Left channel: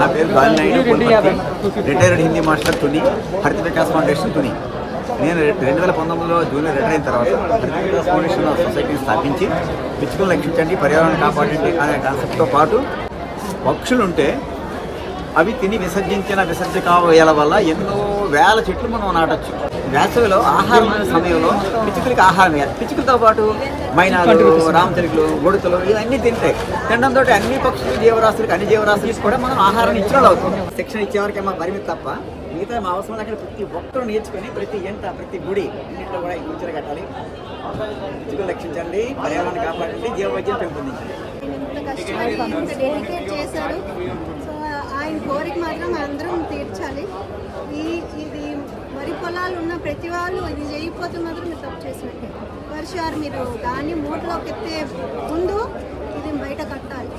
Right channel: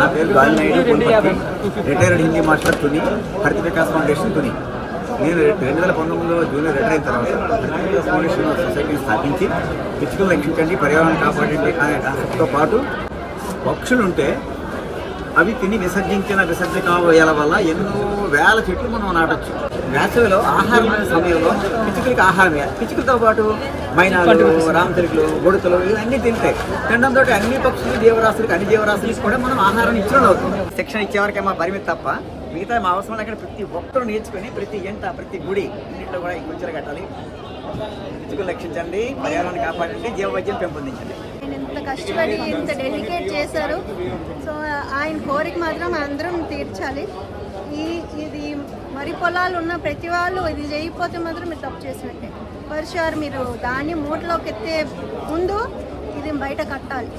నా పేరు గాలినాయుడు కోల్పత్తి, retired Hindi master Tuni, హరిత వికాస్ ఫౌండేషన్ తుని. నేను 2019లో జూనియర్ రిటైర్ అయిన తర్వాత హరిత వికాస్ ఫౌండేషన్ సొసైటీని స్థాపించి పిచ్చుకలను రక్షించండి, పర్యావరణాన్ని కాపాడండి అనే కాన్సెప్ట్తో పాటు పక్షులుంటే అవి తిని విసర్జించిన విసర్జకాల వల్ల ఎన్నో వేల చెట్లు మనం నాటొచ్చు. వేసవిలో ఆహారం సమయంలో పిచ్చుకలకి ఆహారం వేయాలి. పిచ్చుకలతో పాటు మైనాలు, రామచిలుకలు, గొడుకలు ఇవన్నీ తింటాయి. తినడంతో అన్ని పక్షులు జీవరాశులకు అన్ని జీవరాశులకు కూడా మనం ఆహారాన్ని ఇచ్చిన వాళ్ళు అవుతుంది. శిక్షణ ఇచ్చేవారికే మా పరిమితి తప్ప మిగతా మా అవసరం అక్కడ ప్రతి ఒక్కరు నేర్చుకొని ప్రతి ఎంట ప్రతి గుడి ఇంట్లో కూడా ఈ గుంచెలు కట్టాలి. పిచ్చుకలు రక్షించండి, పర్యావరణాన్ని కాపాడండి, జీవ వైద్యం పెంపొందించండి. ఇంత కష్టపడి ఇంత డెడికేట్ చేశారు. సో ఆయన కోరిక మాత్రం అందరం తీర్చాలి. ఇది వరి పొలాలు ఉన్న ప్రతి వాళ్ళు ఇది చేయకపోతే మాత్రం మీరు తప్పు చేసినట్టే. వర్షారు మీరు దాన్ని మూటలోకి ఎత్తే ముందు ఇది బయట కట్టాలి.